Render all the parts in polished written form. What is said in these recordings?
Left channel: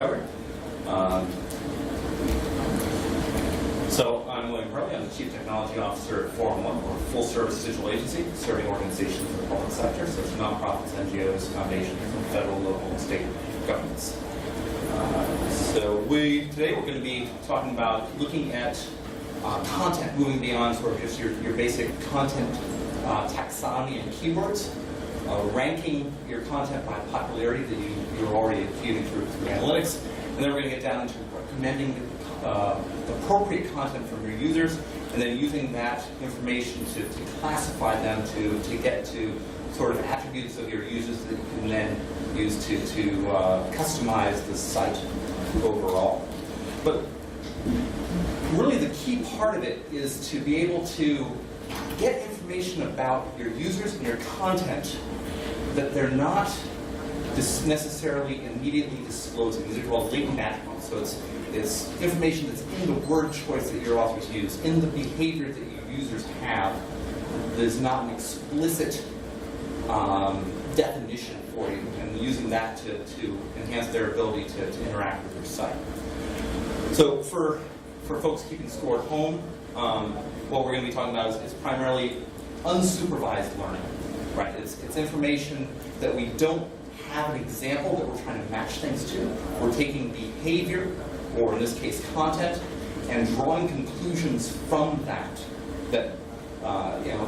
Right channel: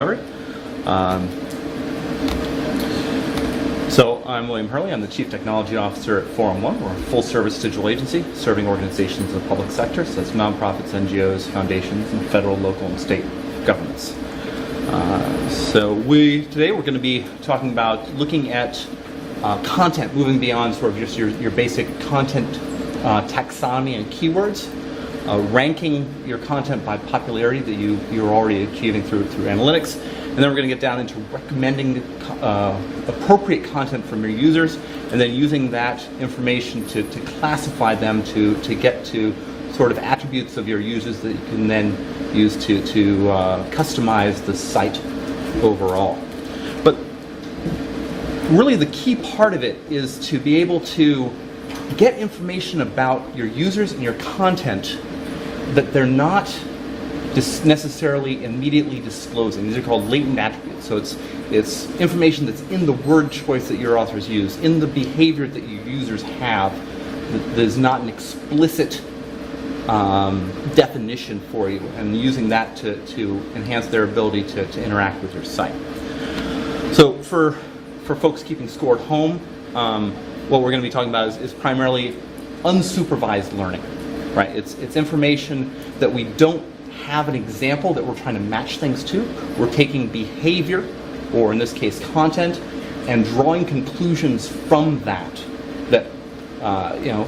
Um, so I'm William Hurley. I'm the Chief Technology Officer at Forum One. We're a full-service digital agency serving organizations in the public sector, so that's nonprofits, NGOs, foundations, and federal, local, and state governments. Today we're going to be talking about looking at content, moving beyond sort of just your basic content taxonomy and keywords, ranking your content by popularity that you're already achieving through analytics, and then we're going to get down into recommending appropriate content from your users, and then using that information to classify them to get to sort of attributes of your users that you can then use to customize the site overall. But really the key part of it is to be able to get information about your users and your content that they're not necessarily immediately disclosing. These are called latent attributes. So it's information that's in the word choice that your authors use, in the behavior that your users have, that is not an explicit definition for you, and using that to enhance their ability to interact with your site. So for folks keeping score at home, what we're going to be talking about is primarily unsupervised learning. Right? It's information that we don't have an example that we're trying to match things to. We're taking behavior, or in this case content, and drawing conclusions from that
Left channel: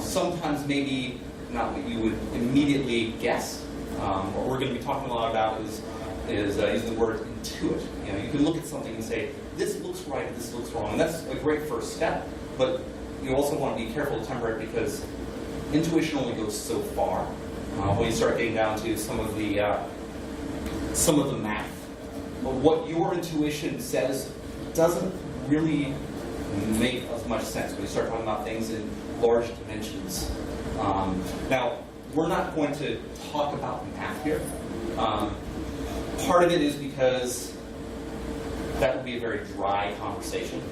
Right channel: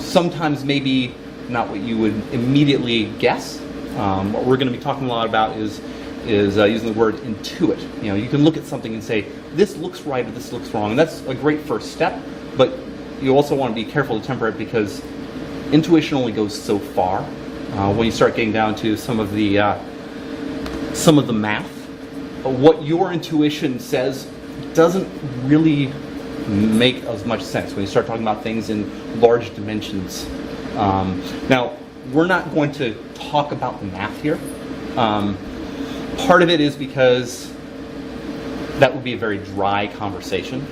sometimes maybe not what you would immediately guess. What we're going to be talking a lot about is using the word intuit. You can look at something and say, this looks right or this looks wrong. And that's a great first step, but you also want to be careful to temper it, because intuition only goes so far. When you start getting down to some of the math, what your intuition says doesn't really make as much sense when you start talking about things in large dimensions. Now, we're not going to talk about the math here. Part of it is because that would be a very dry conversation.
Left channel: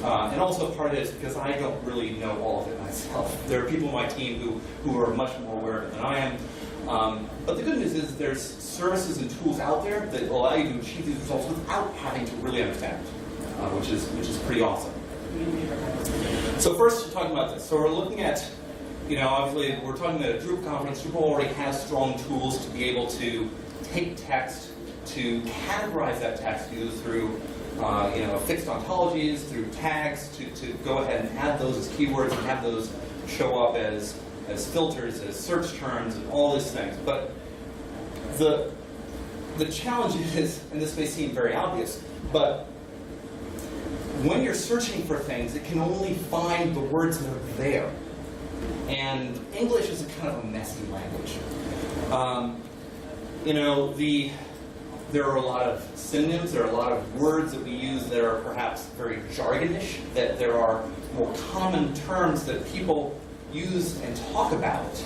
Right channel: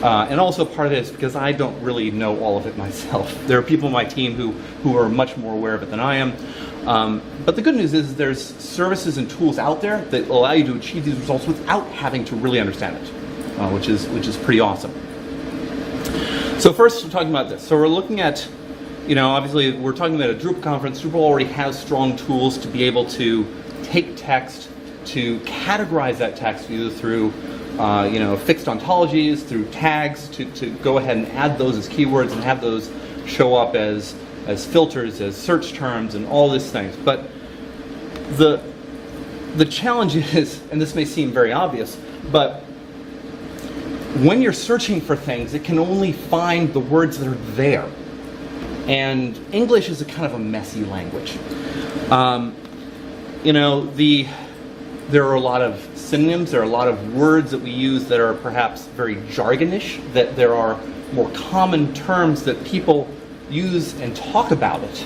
And also part of it is because I don't really know all of it myself. There are people on my team who are much more aware of it than I am. But the good news is there's services and tools out there that allow you to achieve these results without having to really understand it, which is pretty awesome. So first, we're talking about this. So we're looking at, obviously we're talking about a Drupal conference. Drupal already has strong tools to be able to take text, to categorize that text either through fixed ontologies, through tags, to go ahead and add those as keywords and have those show up as filters, as search terms, and all these things. But the challenge is, and this may seem very obvious, but when you're searching for things, it can only find the words that are there. And English is a kind of a messy language. There are a lot of synonyms, there are a lot of words that we use that are perhaps very jargonish, that there are more common terms that people use and talk about it,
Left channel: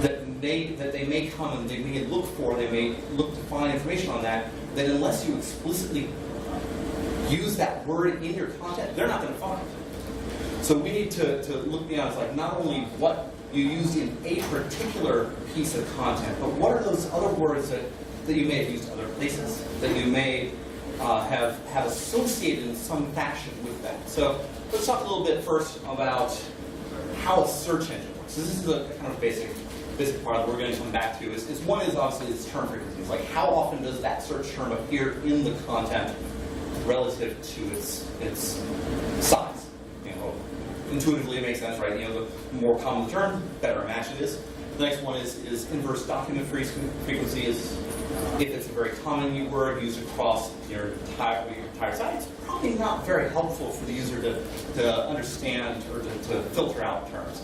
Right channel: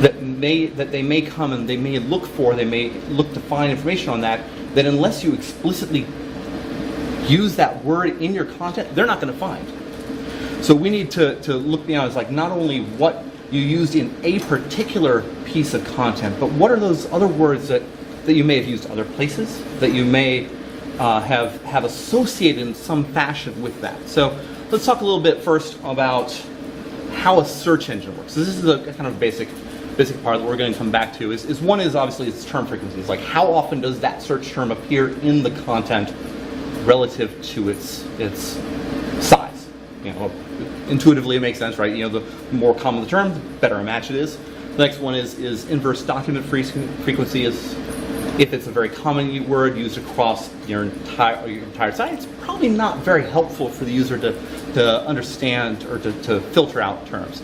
that they may come and they may look to find information on that unless you explicitly use that word in your content, they're not going to find. So we need to look beyond. It's like not only what you used in a particular piece of content, but what are those other words that you may have used other places, that you may have associated in some fashion with that. So let's talk a little bit first about how a search engine works. So this is a kind of basic part that we're going to come back to. One is obviously its term frequency. It's like how often does that search term appear in the content relative to its size. Intuitively it makes sense, right? The more common the term, the better a match it is. The next one is inverse document frequency. Is if it's a very common word used across your entire site, it's probably not very helpful for the user to understand or to filter out terms.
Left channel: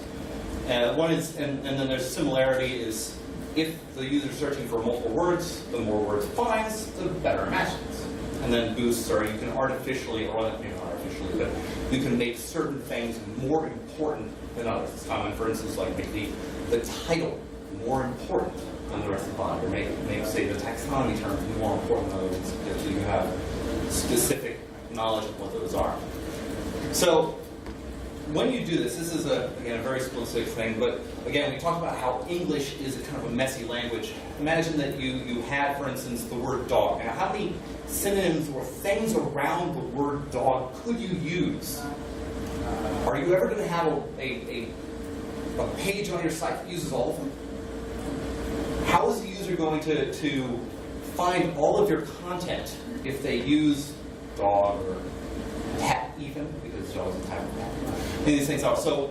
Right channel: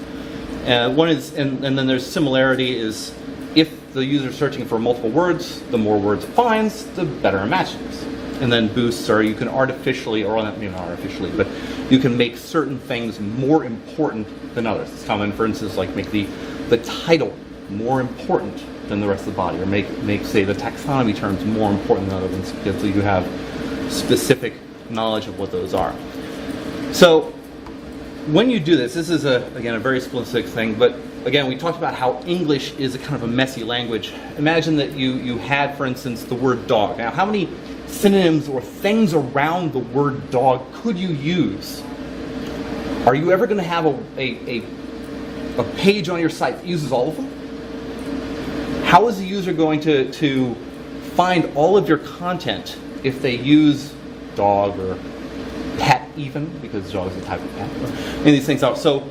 One is, and then there's similarity is if the user is searching for multiple words, the more words it finds, the better a match it is. And then boosts are you can artificially, or maybe not artificially, but you can make certain things more important than others. It's common, for instance, like make the title more important than the rest of the body, or make say the taxonomy terms more important than other ones, so you have specific knowledge of what those are. So when you do this is again a very specific thing, but again we talked about how English is a kind of a messy language. Imagine that you had, for instance, the word dog. Now how many synonyms or things around the word dog could you use? Are you ever going to have a page on your site that uses all of them? How is the user going to find all of your content if they use dog or pet even, because dog is a type of pet, and these things out. So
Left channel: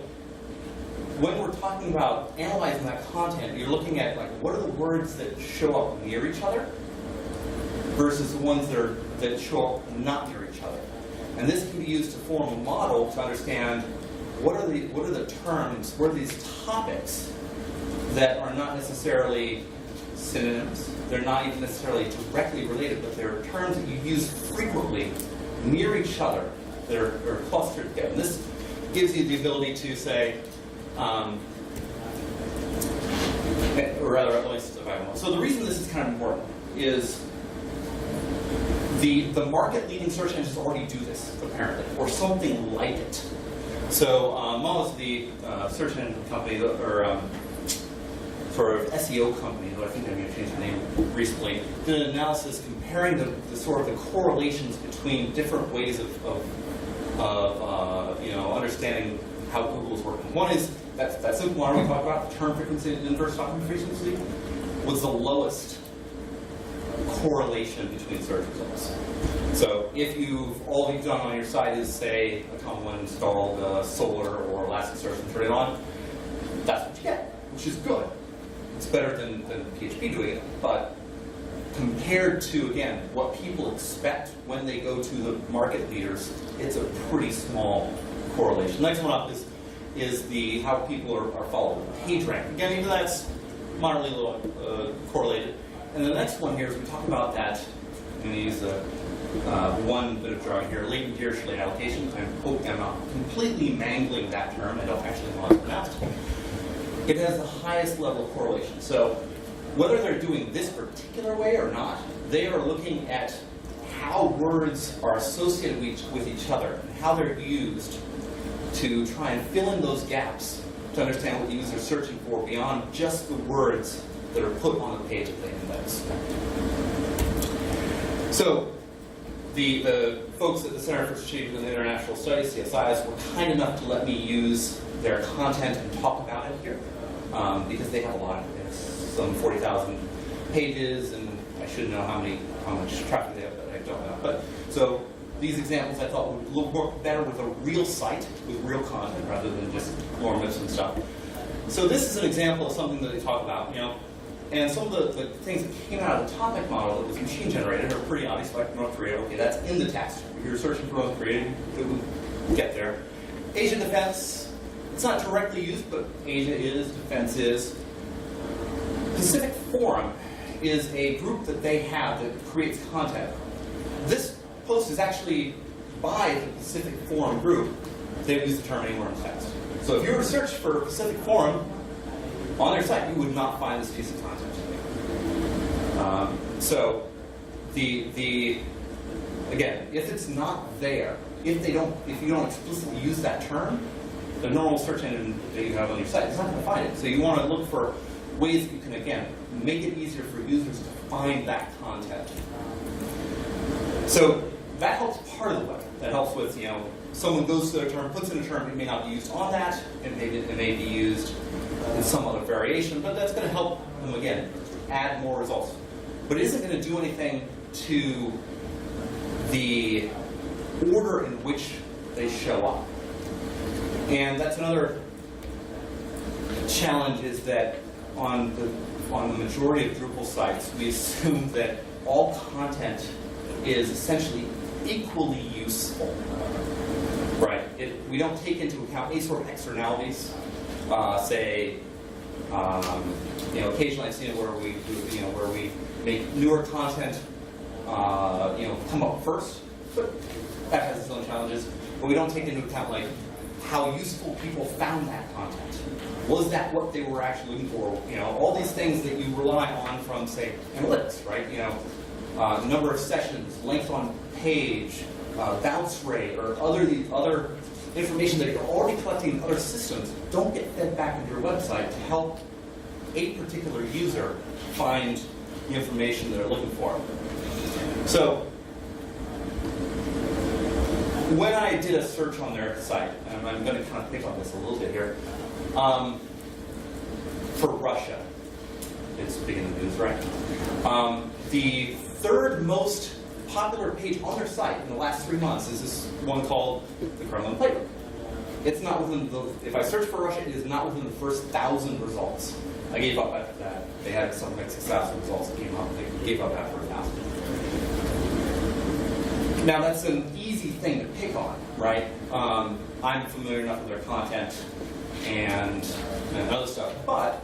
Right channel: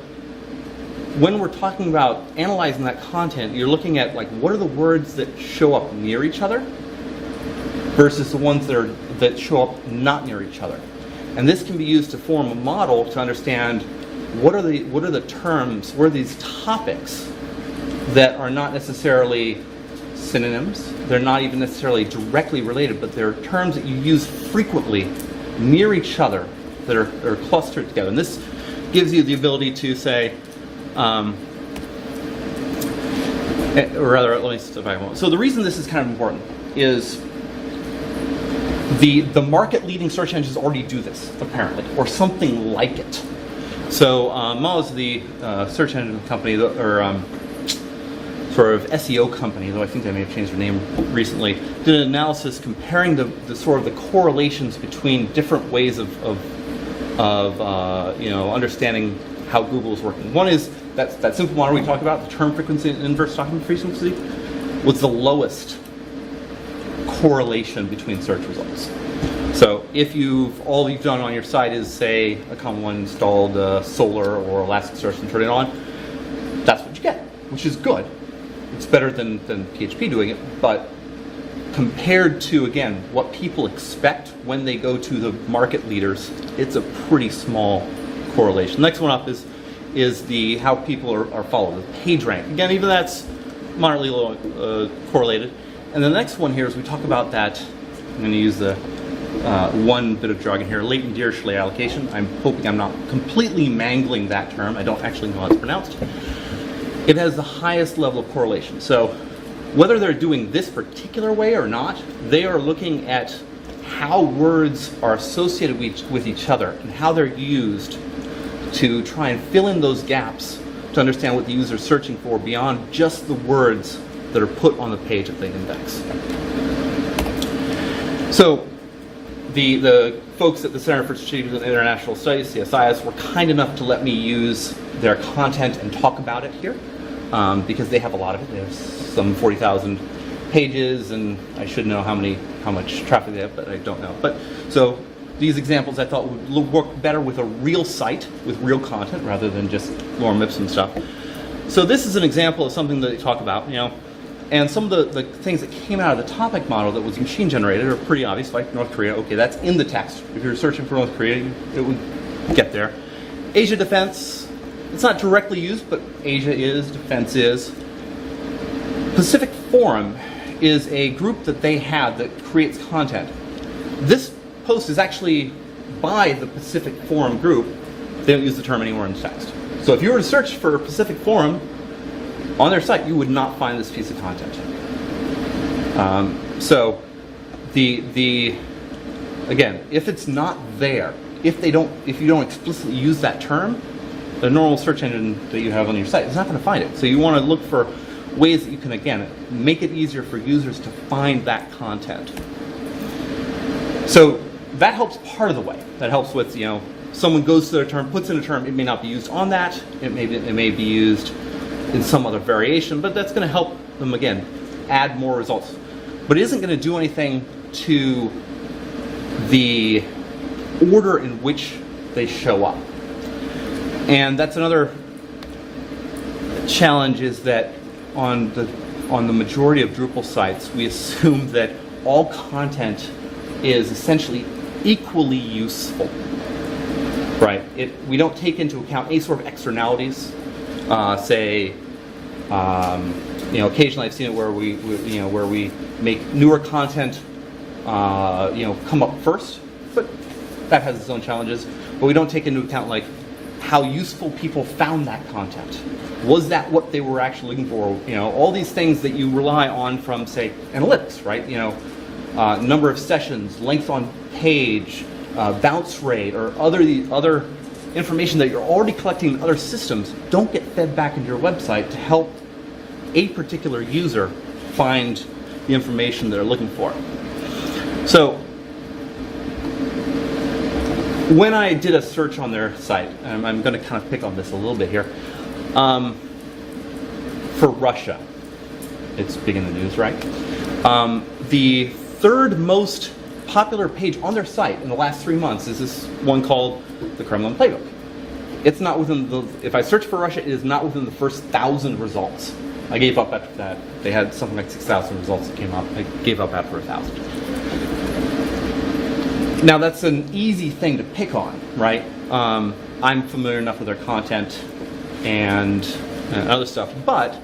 when we're talking about analyzing that content, you're looking at like what are the words that show up near each other versus the ones that show up not near each other. And this can be used to form a model to understand what are the terms, what are these topics that are not necessarily synonyms, they're not even necessarily directly related, but they're terms that you use frequently near each other that are clustered together. And this gives you the ability to say, or rather, at least if I want. So the reason this is kind of important is the market-leading search engines already do this, apparently, or something like it. So Moz, the search engine company, or sort of SEO company, though I think they may have changed their name recently, did an analysis comparing the sort of the correlations between different ways of understanding how Google is working. One is that simple model we talked about, the term frequency and inverse document frequency, was the lowest correlation between search results. So if all you've done on your site is, say, a common one installed Solar or Elasticsearch and turn it on, that's what you get, which is good. It's better than PHP doing it, but compared to, again, what people expect when they go to the market leaders, it's a pretty small correlation. Next one up is the how people are followed, the page rank. Again, even that's moderately correlated. And the next one here is we talk about that, I'm going to use the one bit of jargon here, latent Dirichlet allocation. I'm hoping I'm not completely mangling that term. I don't actually know how it's pronounced. It has the highest level of correlation. So whether they're doing this particular way or not, they are looking at how words are associated with each other and how they're used to try and fill in those gaps to understand what the user is searching for beyond just the words that are put on the page that they index. So the folks at the Center for Strategic and International Studies, CSIS, were kind enough to let me use their content and talk about it here because they have a lot of it. They have some 40,000 pages, and I should know how much traffic they have, but I don't know. But so these examples I thought would work better with a real site with real content rather than just lorem ipsum stuff. So this is an example of something that they talk about, and some of the things that came out of the topic model that was machine generated are pretty obvious, like North Korea. Okay, that's in the text. If you're searching for North Korea, it would get there. Asia defense, it's not directly used, but Asia is, defense is. Pacific Forum is a group that they have that creates content. This post is actually by the Pacific Forum group. They don't use the term anywhere in the text. So if you were to search for Pacific Forum on their site, you would not find this piece of content. So again, if it's not there, if you don't explicitly use that term, the normal search engine that you have on your site is not going to find it. So you want to look for ways that you can, again, make it easier for users to find that content. So that helps part of the way. That helps with, someone goes to their term, puts in a term, it may not be used on that, it may be used in some other variation, but that's going to help them, again, add more results. But it isn't going to do anything to the order in which they show up. And that's another challenge, is that on the majority of Drupal sites, we assume that all content is essentially equally useful, right? We don't take into account any sort of externalities. Occasionally I've seen it where we make newer content, come up first, but that has its own challenges. But we don't take into account like how useful people found that content. Was that what they were actually looking for? All these things that you rely on from, say, analytics, right? Number of sessions, length on page, bounce rate, or other information that you're already collecting in other systems don't get fed back into your website to help a particular user find the information they're looking for. So when I did a search on their site, and I'm going to kind of pick on this a little bit here, for Russia, it's big in the news, right? The third most popular page on their site in the last 3 months is this one called the Kremlin Playbook. It's not within the, if I search for Russia, it is not within the first 1,000 results. I gave up after that. They had something like 6,000 results that came up. I gave up after 1,000. Now that's an easy thing to pick on, right? I'm familiar enough with their content and other stuff, but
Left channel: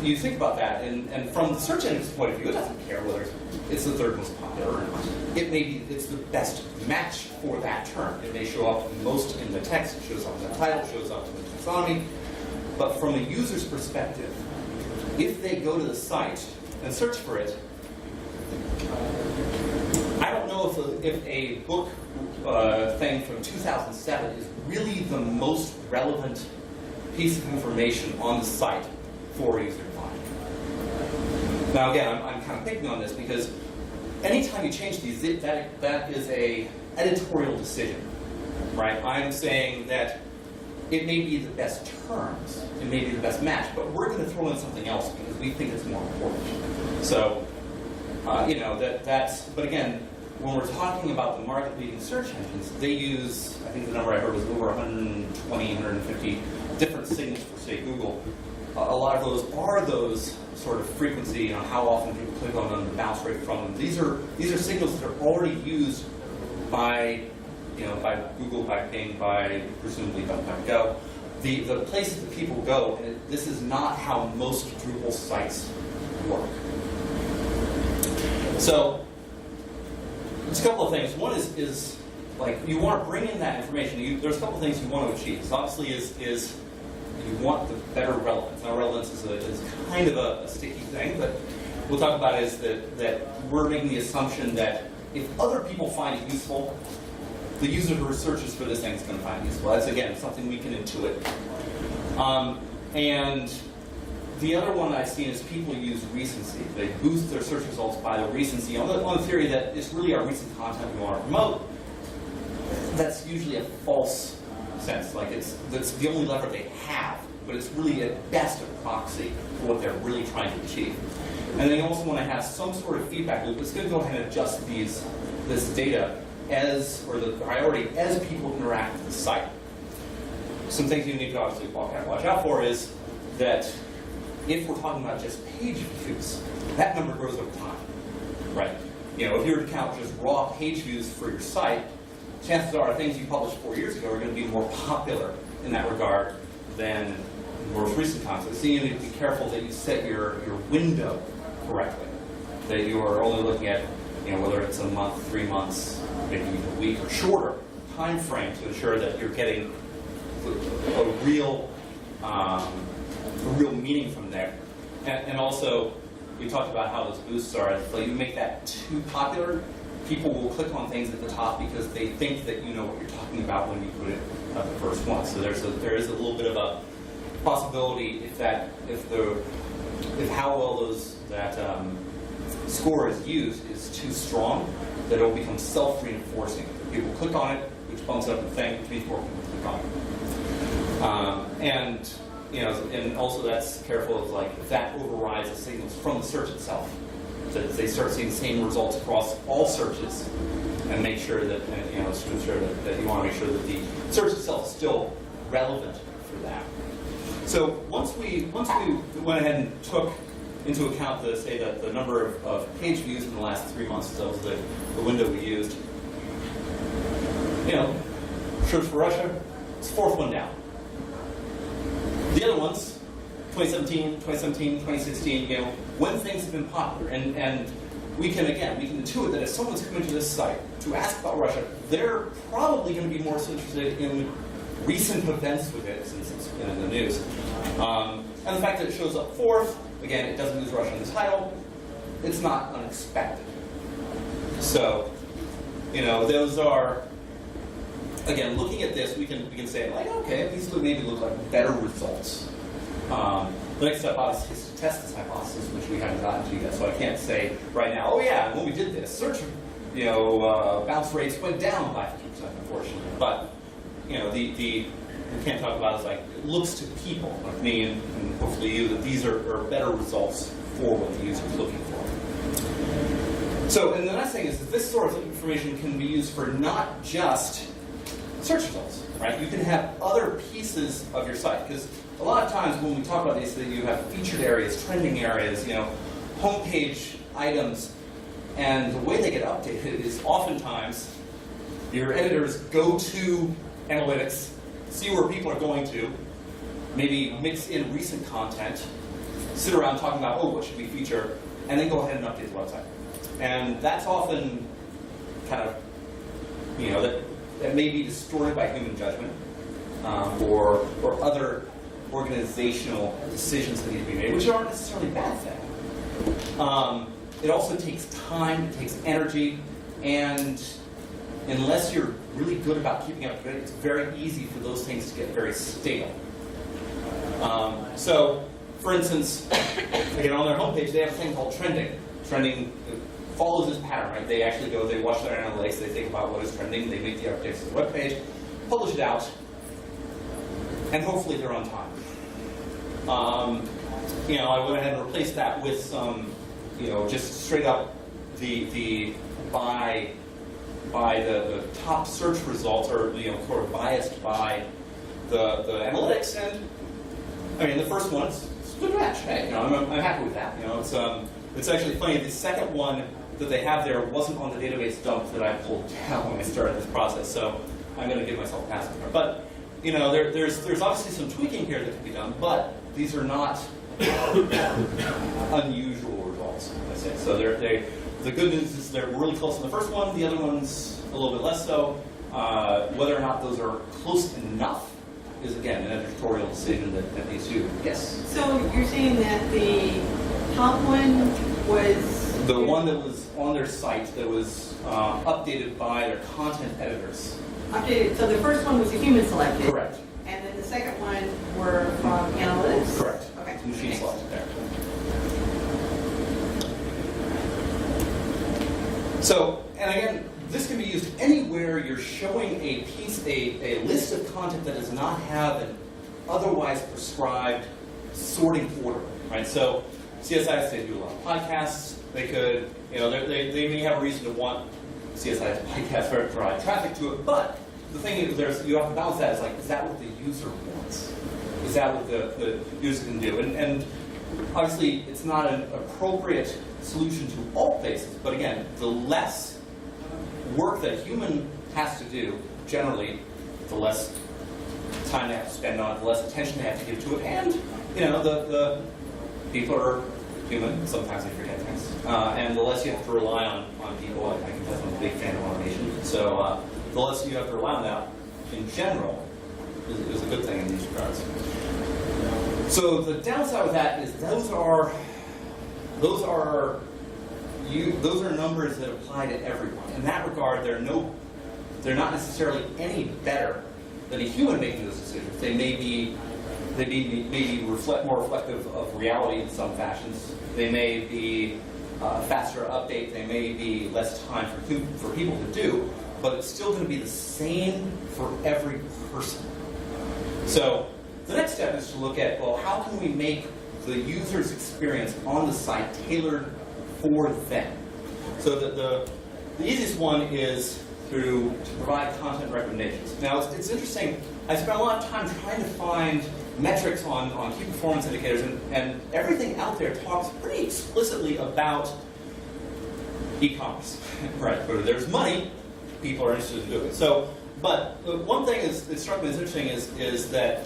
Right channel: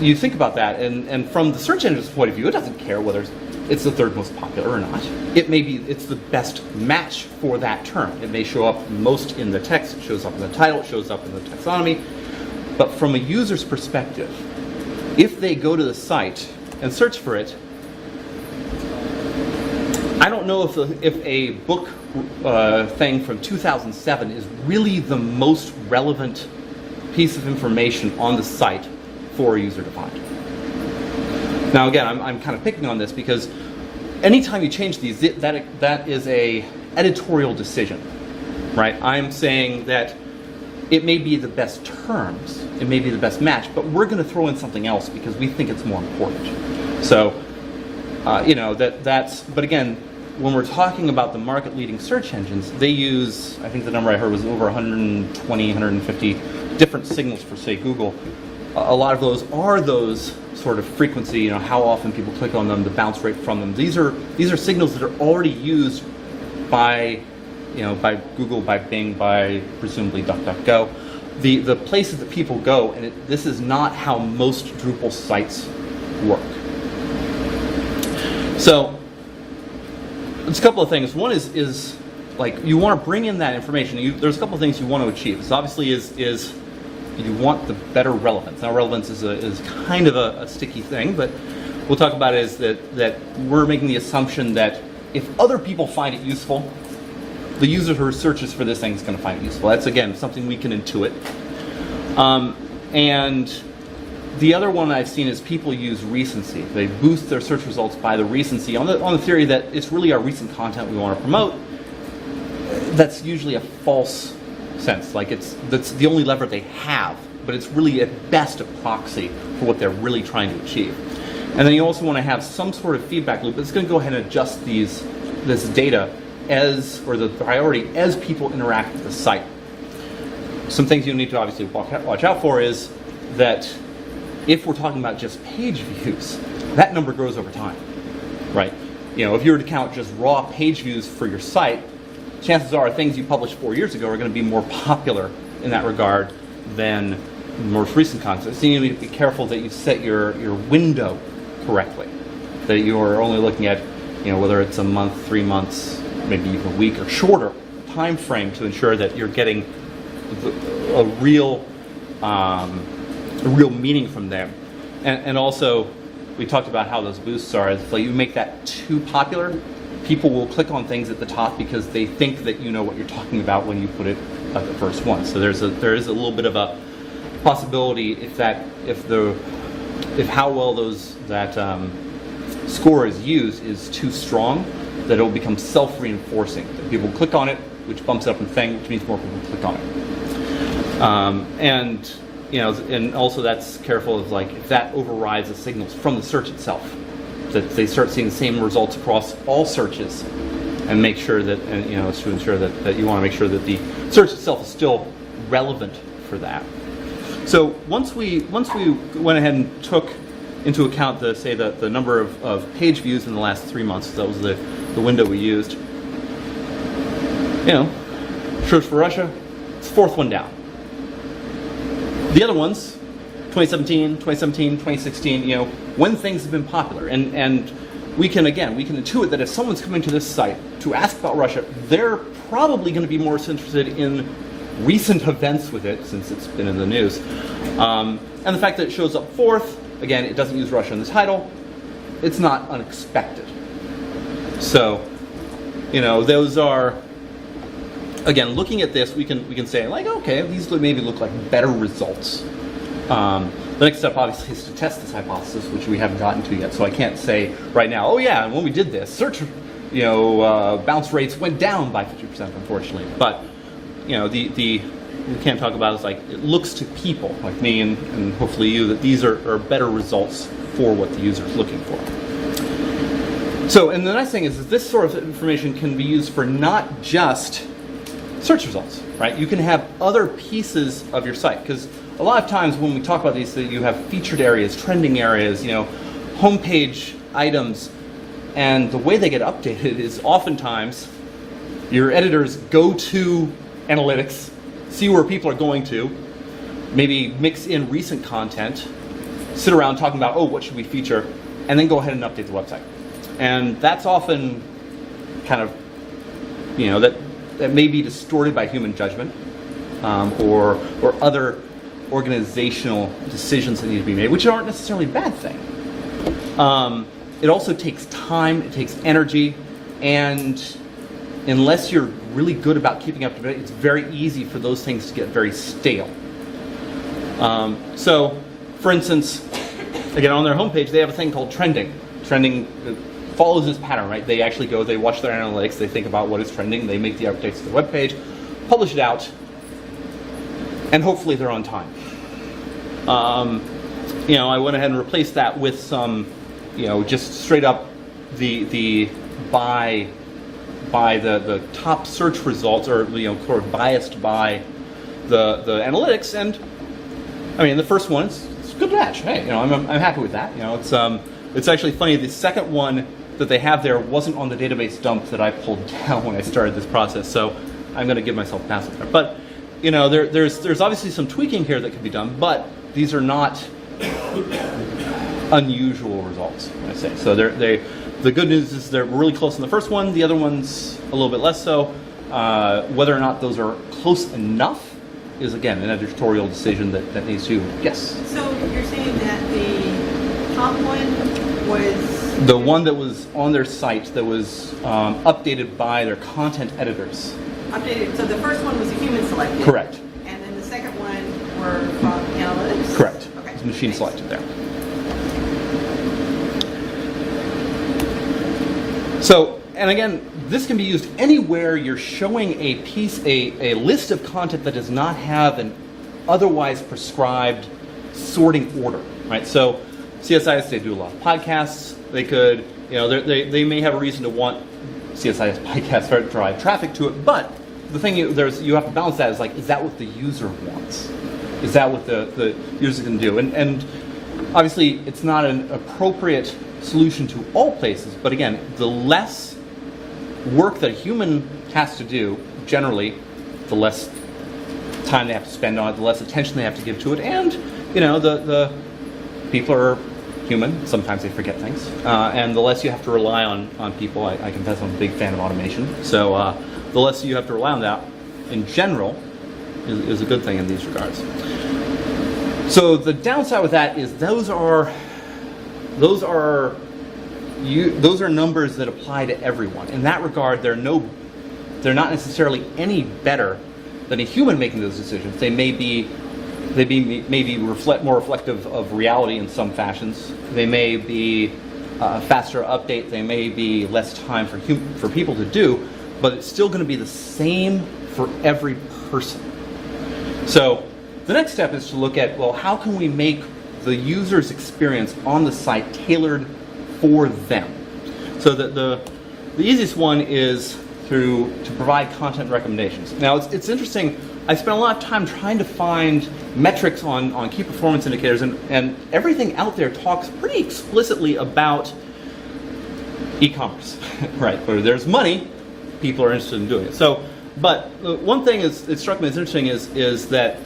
you think about that, and from the search engine's point of view, it doesn't care whether it's the third most popular or not. It may be it's the best match for that term. It may show up most in the text, it shows up in the title, it shows up in the taxonomy. But from a user's perspective, if they go to the site and search for it, I don't know if a book thing from 2007 is really the most relevant piece of information on the site for a user to find. Now again, I'm kind of picking on this because anytime you change these, that is a editorial decision, right? I'm saying that it may be the best terms, it may be the best match, but we're going to throw in something else because we think it's more important. So, you know, but again, when we're talking about the market-leading search engines, they use, I think the number I heard was over 120, 150 different signals for, say, Google. A lot of those are those sort of frequency, you know, how often people click on them, the bounce rate from them. These are signals that are already used by, you know, by Google, by Bing, by presumably DuckDuckGo. The places that people go, and this is not how most Drupal sites work. So, there's a couple of things. One is like you want to bring in that information. There's a couple of things you want to achieve. This obviously is you want the better relevance. Now relevance is kind of a sticky thing, but we'll talk about it is that we're making the assumption that if other people find it useful, the user who searches for this thing is going to find it useful. That's, again, something we can intuit. And the other one I've seen is people use recency. They boost their search results by the recency on the theory that it's really our recent content we want to promote. That's usually a false sense. Like that's the only lever they have, but it's really at best a proxy for what they're really trying to achieve. And then you also want to have some sort of feedback loop that's going to go ahead and adjust this data or the priority as people interact with the site. Some things you need to obviously watch out for is that if we're talking about just page views, that number grows over time, right? You know, if you were to count just raw page views for your site, chances are things you published 4 years ago are going to be more popular in that regard than most recent content. So you need to be careful that you set your window correctly, that you're only looking at, you know, whether it's a month, 3 months, maybe even a week or shorter time frame to ensure that you're getting a real meaning from there. And also, we talked about how those boosts are. If you make that too popular, people will click on things at the top because they think that you know what you're talking about when you put it at the first one. So there is a little bit of a possibility if how well that score is used is too strong, that it will become self-reinforcing. That people click on it, which bumps up in thing, which means more people click on it. And you know, and also that's careful of like if that overrides the signals from the search itself, that they start seeing the same results across all searches, and make sure that, and you know, it's to ensure that you want to make sure that the search itself is still relevant for that. So once we went ahead and took into account the number of page views in the last 3 months, that was the window we used. You know, search for Russia, it's the fourth one down. The other ones, 2017, 2016, you know, when things have been popular. And we can intuit that if someone's coming to this site to ask about Russia, they're probably going to be more interested in recent events with it, since it's been in the news. And the fact that it shows up fourth, again, it doesn't use Russia in the title, it's not unexpected. So, you know, those are, again, looking at this, we can say, like, okay, these maybe look like better results. The next step, obviously, is to test this hypothesis, which we haven't gotten to yet. So I can't say right now, oh yeah, when we did this, search, you bounce rates went down by 50%, unfortunately. But we can't talk about is like it looks to people like me and hopefully you that these are better results for what the user is looking for. So, and the nice thing is that this sort of information can be used for not just search results, right? You can have other pieces of your site, because a lot of times when we talk about these, you have featured areas, trending areas, homepage items, and the way they get updated is oftentimes your editors go to analytics, see where people are going to, maybe mix in recent content, sit around talking about, oh, what should we feature, and then go ahead and update the website. And that's often kind of, that may be distorted by human judgment or other organizational decisions that need to be made, which aren't necessarily a bad thing. It also takes time, it takes energy, and unless you're really good about keeping up to date, it's very easy for those things to get very stale. So, for instance, again, on their homepage, they have a thing called trending. Trending follows this pattern, right? They actually go, they watch their analytics, they think about what is trending, they make the updates to the web page, publish it out, and hopefully they're on time. I went ahead and replaced that with some, just straight up the by the top search results, or sort of biased by the analytics, and I mean the first one it's a good match. Hey, I'm happy with that. It's actually funny. The second one that they have there wasn't on the database dump that I pulled down when I started this process, so I'm going to give myself a pass on there. But there's obviously some tweaking here that can be done, but these are not unusual results, I say. So the good news is they're really close on the first one. The other one's a little bit less so. Whether or not those are close enough is, again, an editorial decision that needs to. Yes? So you're saying that the top one was... The one that was on their site that was updated by their content editors. Updated. So the first one was a human selected. Correct. And then the second one were from analytics? Correct. Okay. It's machine selected there. So, and again, this can be used anywhere you're showing a list of content that does not have an otherwise prescribed sorting order, right? So, CSIS, they do a lot of podcasts. They could, they may have a reason to want CSIS podcasts to drive traffic to it, but the thing you have to balance that is that what the user wants? Is that what the user can do? And obviously, it's not an appropriate solution to all places, but again, the less work that a human has to do, generally, the less time they have to spend on it, the less attention they have to give to it, and the people are human, sometimes they forget things, and the less you have to rely on people, I confess I'm a big fan of automation, so the less you have to rely on that, in general, is a good thing in these regards. So the downside with that is those are numbers that apply to everyone. In that regard, they're not necessarily any better than a human making those decisions. They may be more reflective of reality in some fashions. They may be a faster update. They may be less time for people to do, but it's still going to be the same for every person. So the next step is to look at, well, how can we make the user's experience on the site tailored for them? So the easiest one is to provide content recommendations. Now it's interesting, I spent a lot of time trying to find metrics on key performance indicators, and everything out there talks pretty explicitly about e-commerce, right? Where there's money, people are interested in doing it. So, but one thing it struck me as interesting is that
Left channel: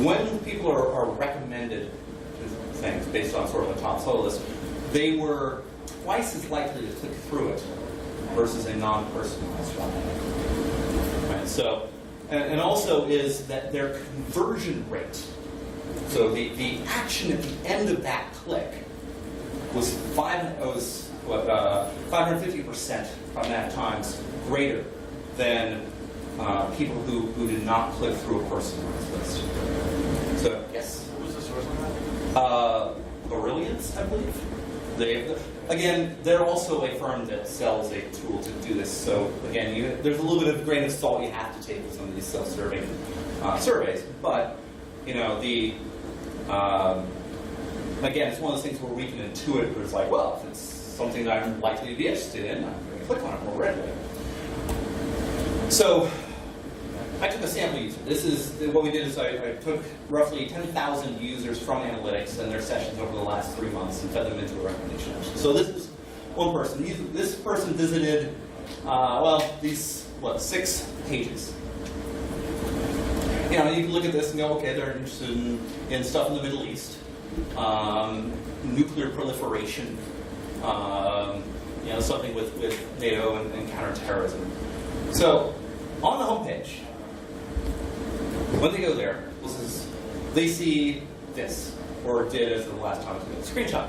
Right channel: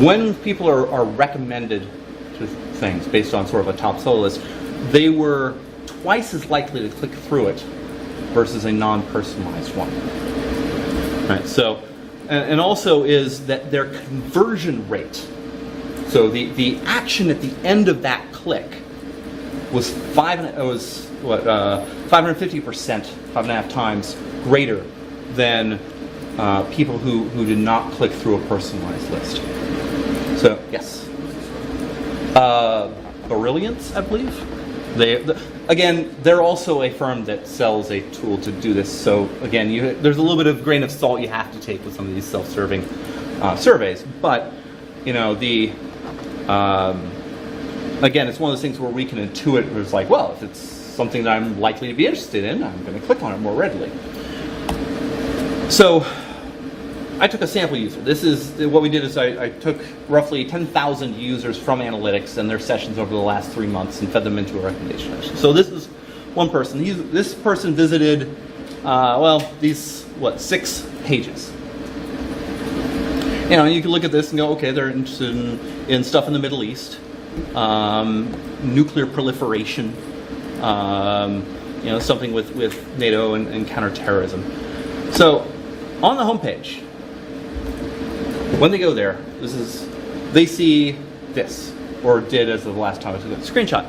when people are recommended to things based on sort of a top seller list, they were twice as likely to click through it versus a non-personalized one. Right. So, and also is that their conversion rate. So the action at the end of that click was 550%, 5.5 times greater than people who did not click through a personalized list. So yes, Brilliance, I believe. again, they're also a firm that sells a tool to do this. So again, there's a little bit of grain of salt you have to take with some of these self-serving surveys. But again, it's one of those things where we can intuit. Where it's like, well, if it's something that I'm likely to be interested in, I'm going to click on it more readily. So I took a sample user. This is what we did is I took roughly 10,000 users from analytics and their sessions over the last 3 months and fed them into a recommendation engine. So this is one person. This person visited, these 6 pages. You can look at this and go, okay, they're interested in stuff in the Middle East, nuclear proliferation, something with NATO and counterterrorism. So on the homepage, when they go there, they see this, or did as of the last time I took a screenshot.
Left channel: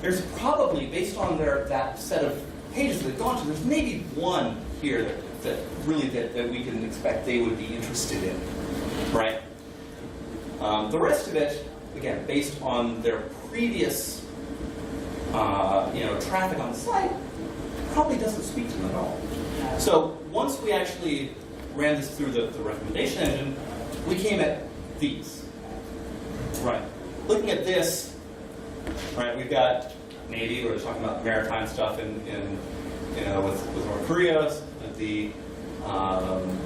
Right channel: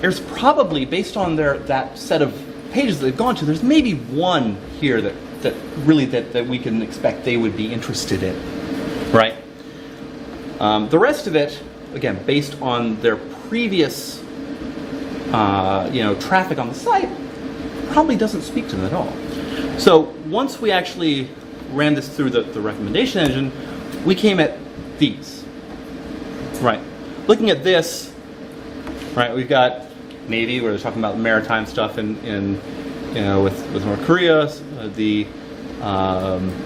There's probably, based on that set of pages that they've gone to, there's maybe one here that we can expect they would be interested in, right? The rest of it, again, based on their previous, traffic on the site, probably doesn't speak to them at all. So once we actually ran this through the recommendation engine, we came at these, right? Looking at this, right? We've got Navy, where they're talking about maritime stuff with North Korea, the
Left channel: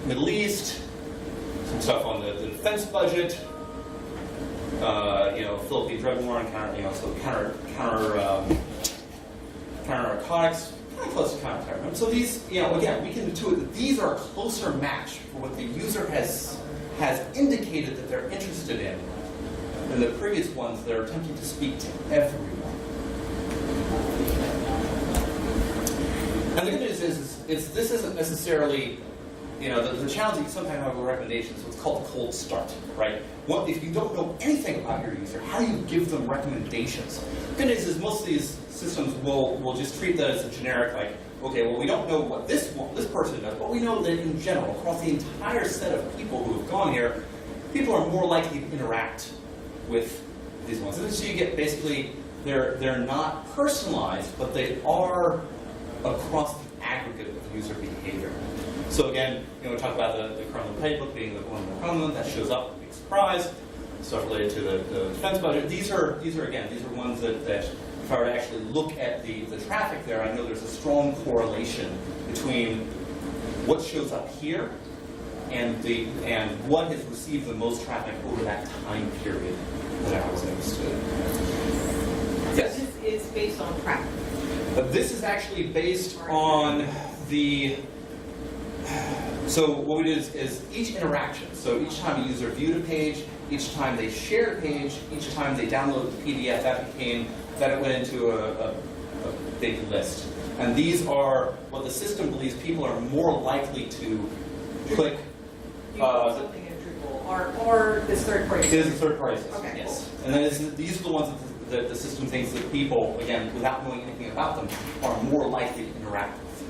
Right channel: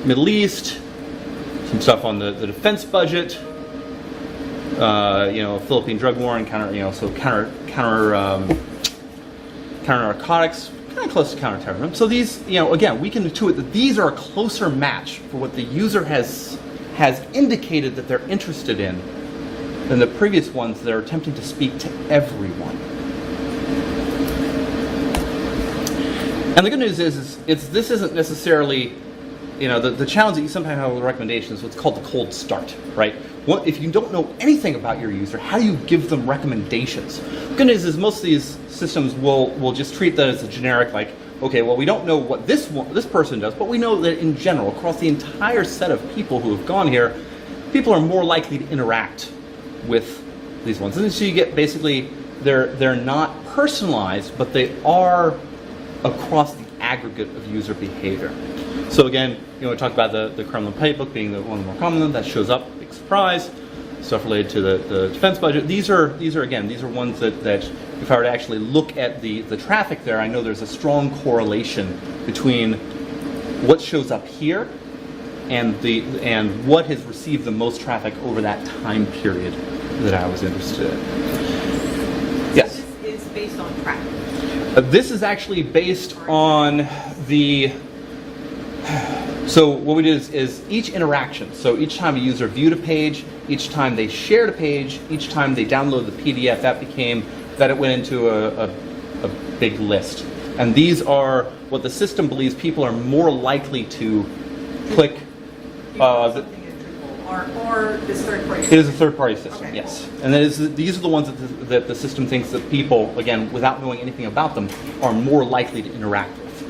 Middle East, some stuff on the defense budget, Philippine drug war and counter narcotics. Kind of close to counterterrorism. So these, again, we can intuit that these are a closer match for what the user has indicated that they're interested in than the previous ones that are attempting to speak to everyone. And the good news is this isn't necessarily, the challenge that you sometimes have with recommendations is what's called the cold start, right? If you don't know anything about your user, how do you give them recommendations? The good news is most of these systems will just treat that as a generic, like, okay, well, we don't know what this person does, but we know that in general, across the entire set of people who have gone here, people are more likely to interact with these ones. And so you get basically, they're not personalized, but they are across the aggregate of user behavior. So again, we talked about the Kremlin playbook being the one more common that shows up, big surprise. Stuff related to the defense budget. These are ones that if I were to actually look at the traffic there, I know there's a strong correlation between what shows up here and what has received the most traffic over that time period that I was interested in. Yes? So this is based on traffic? This is actually based on the... So what we did is each interaction, so each time a user viewed a page, each time they shared a page, each time they downloaded the PDF, that it went into a big list. And these are what the system believes people are more likely to click. Something in Drupal, or this third-party system? It is a third-party system, okay, yes. Cool. And these are the ones that the system thinks that people, again, without knowing anything about them, are more likely to interact with,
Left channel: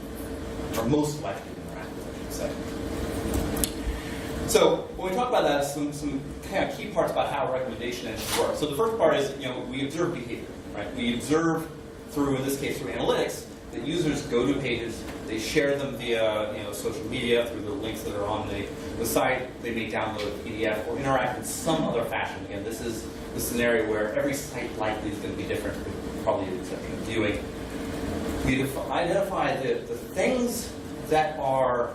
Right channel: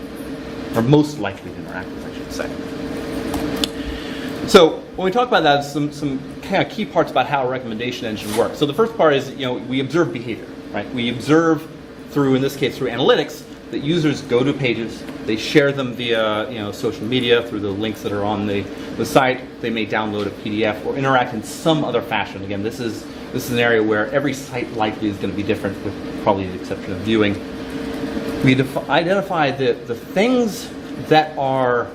or most likely to interact with, I should say. So when we talk about that, some kind of key parts about how a recommendation engine works. So the first part is, we observe behavior, right? We observe through, in this case, through analytics, that users go to pages, they share them via, social media through the links that are on the site. They may download a PDF or interact in some other fashion. Again, this is an area where every site likely is going to be different, with probably the exception of viewing. We identify the things that are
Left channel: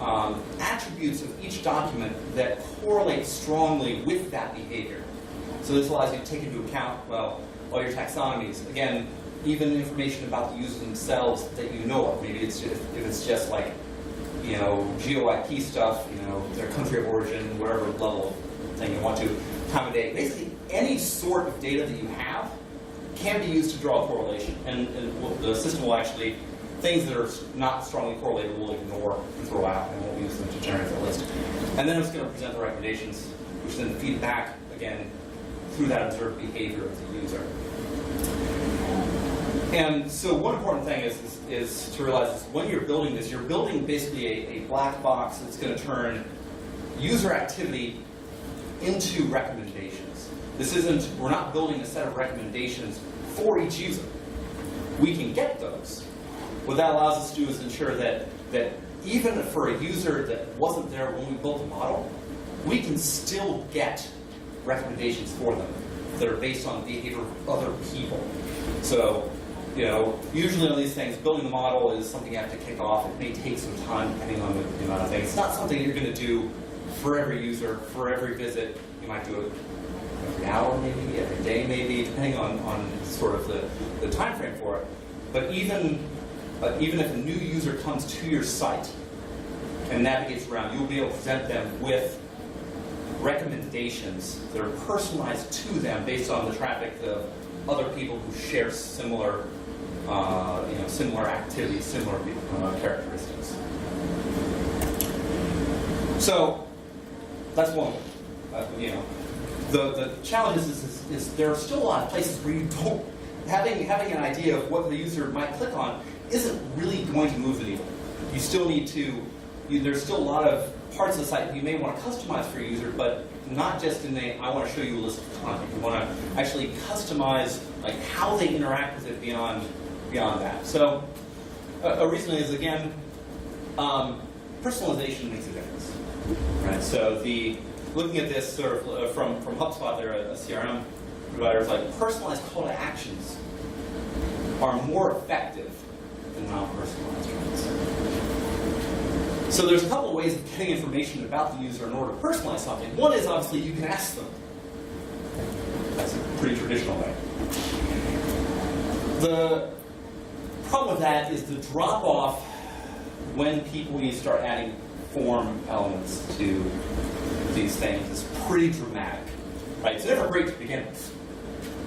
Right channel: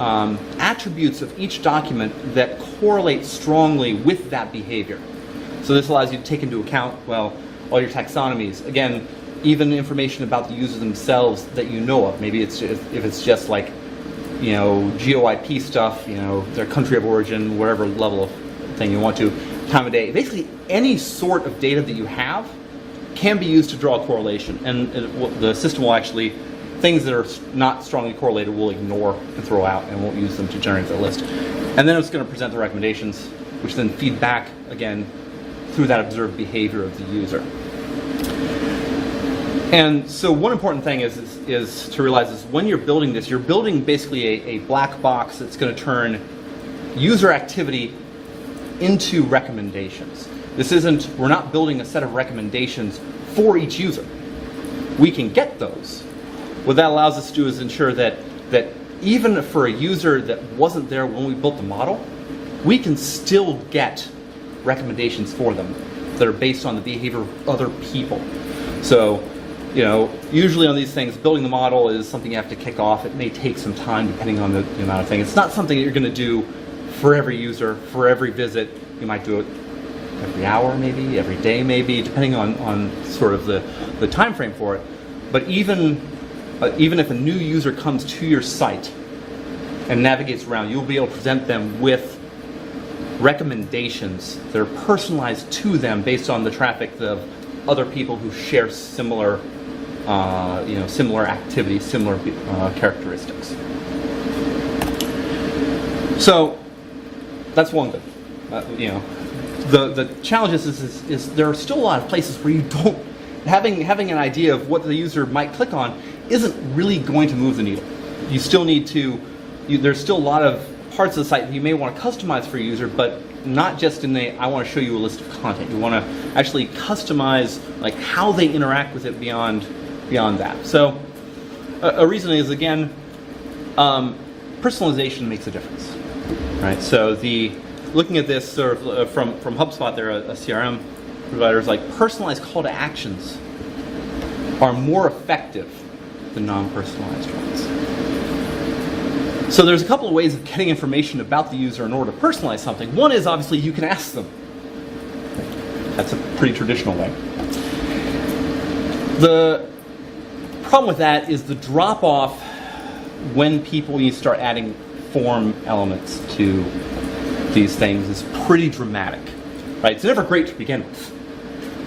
attributes of each document that correlate strongly with that behavior. So this allows you to take into account, all your taxonomies. Again, even information about the users themselves that you know of. Maybe if it's just like, GeoIP stuff, their country of origin, whatever level of thing you want to, time of day. Basically, any sort of data that you have can be used to draw a correlation. And the system will actually, things that are not strongly correlated will ignore and throw out, and won't use them to generate the list. And then it's going to present the recommendations, which then feed back, again, through that observed behavior of the user. And so one important thing is to realize is when you're building this, you're building basically a black box that's going to turn user activity into recommendations. We're not building a set of recommendations for each user. We can get those. What that allows us to do is ensure that even for a user that wasn't there when we built the model, we can still get recommendations for them that are based on the behavior of other people. So, usually on these things, building the model is something you have to kick off. It may take some time depending on the amount of things. It's not something that you're going to do for every user, for every visit. You might do it every hour maybe, every day maybe, depending on sort of the time frame for it. But even if a new user comes to your site and navigates around, you'll be able to present them with recommendations that are personalized to them based on the traffic of other people who share similar, similar activities, similar characteristics. So that's one thing. The challenge is there are still a lot of places where you don't having an idea of what the user might click on isn't really going to move the needle. You still need to. There's still a lot of parts of the site that you may want to customize for a user, but not just in the I want to show you a list of content. You want to actually customize like how they interact with it beyond that. So a reason is again, personalization makes a difference, right? So looking at this sort of from HubSpot, they're a CRM provider, is like personalized call to actions are more effective than non-personalized ones. So there's a couple of ways of getting information about the user in order to personalize something. One is obviously you can ask them. That's a pretty traditional way. The problem with that is the drop-off when you start adding form elements to these things is pretty dramatic. Right? It's never great to begin with.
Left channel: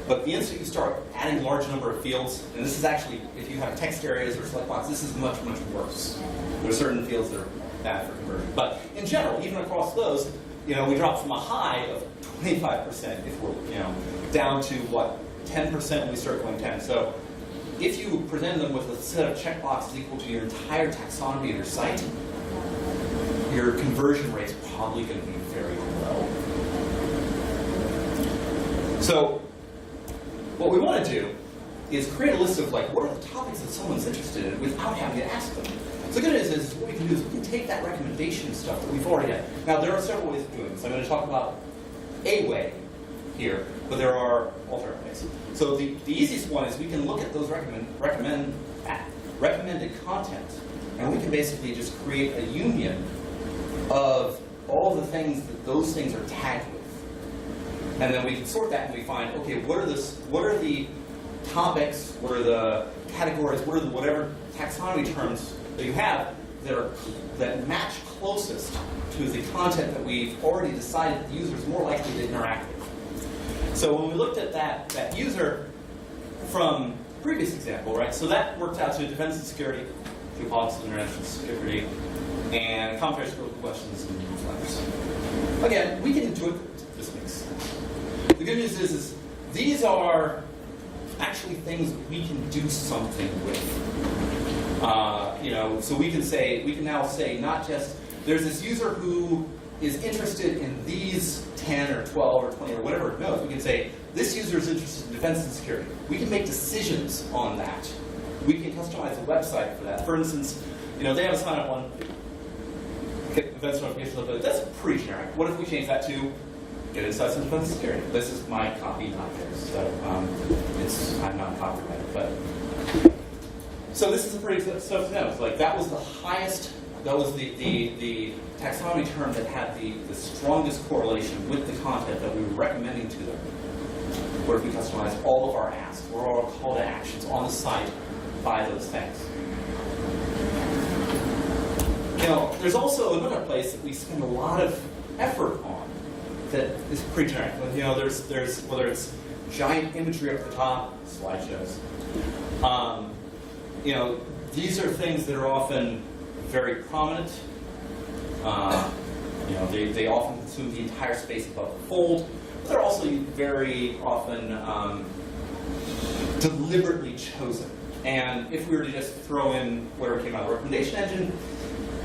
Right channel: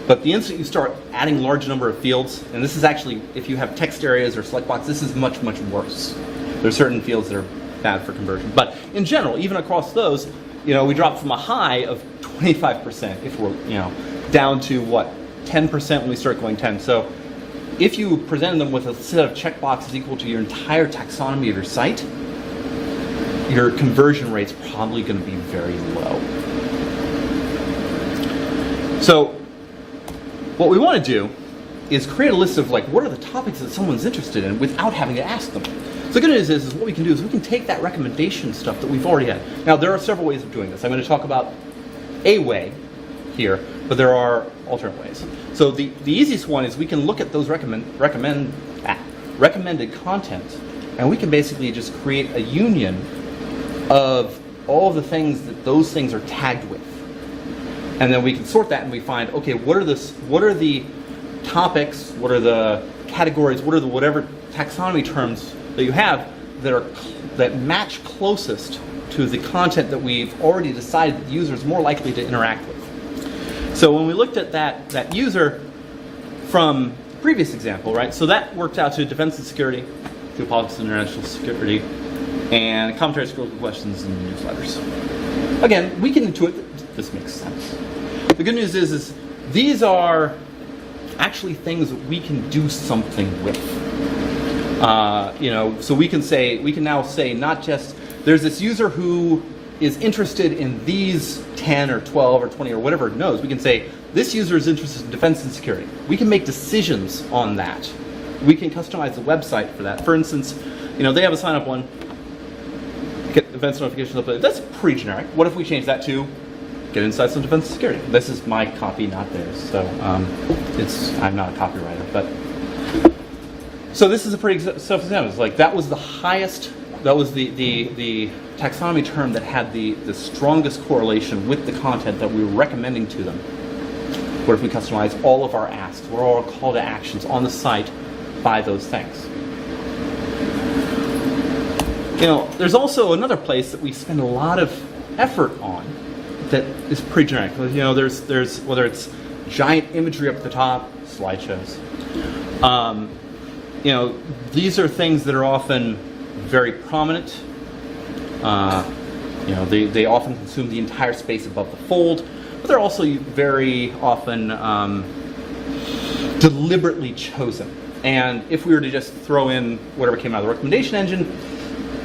But the instant you start adding large number of fields, and this is actually, if you have text areas or select box, this is much, much worse. There are certain fields that are bad for conversion. But in general, even across those, we drop from a high of 25% if we're, down to what, 10% when we start going 10. So if you present them with a set of checkboxes equal to your entire taxonomy of your site, your conversion rate's probably going to be very low. So what we want to do is create a list of what are the topics that someone's interested in without having to ask them. So the good news is what we can do is we can take that recommendation stuff that we've already got. Now there are several ways of doing this. I'm going to talk about a way here, but there are alternate ways. So the easiest one is we can look at those recommended content, and we can basically just create a union of all of the things that those things are tagged with. And then we can sort that and we find, okay, what are the topics, what are the categories, what are the whatever taxonomy terms that you have that match closest to the content that we've already decided the user is more likely to interact with. So when we looked at that user from the previous example, right? So that worked out to defense and security, geopolitics and international security, and commentaries, critical questions, and newsletters. Again, we can intuit this makes sense. The good news is these are actually things that we can do something with. So we can now say not just there's this user who is interested in these 10 or 12 or 20 or whatever it knows. We can say this user is interested in defense and security. We can make decisions on that. We can customize the website for that. For instance, they have a sign-up one. Get events notifications updated. That's pretty generic. What if we change that to get insights on defense and security? This is my copy, not theirs. So I'm not a copywriter, but so this is a pretty self-example. It's like that was the highest. That was the taxonomy term that had the strongest correlation with the content that we were recommending to them. What if we customize all of our asks, or all our call to actions on the site by those things? There's also another place that we spend a lot of effort on that is pretty generic. There's whether it's giant imagery up at the top, slideshows. These are things that are often very prominent. They often consume the entire space above the fold, but they're also very often deliberately chosen. And if we were to just throw in whatever came out of the recommendation engine,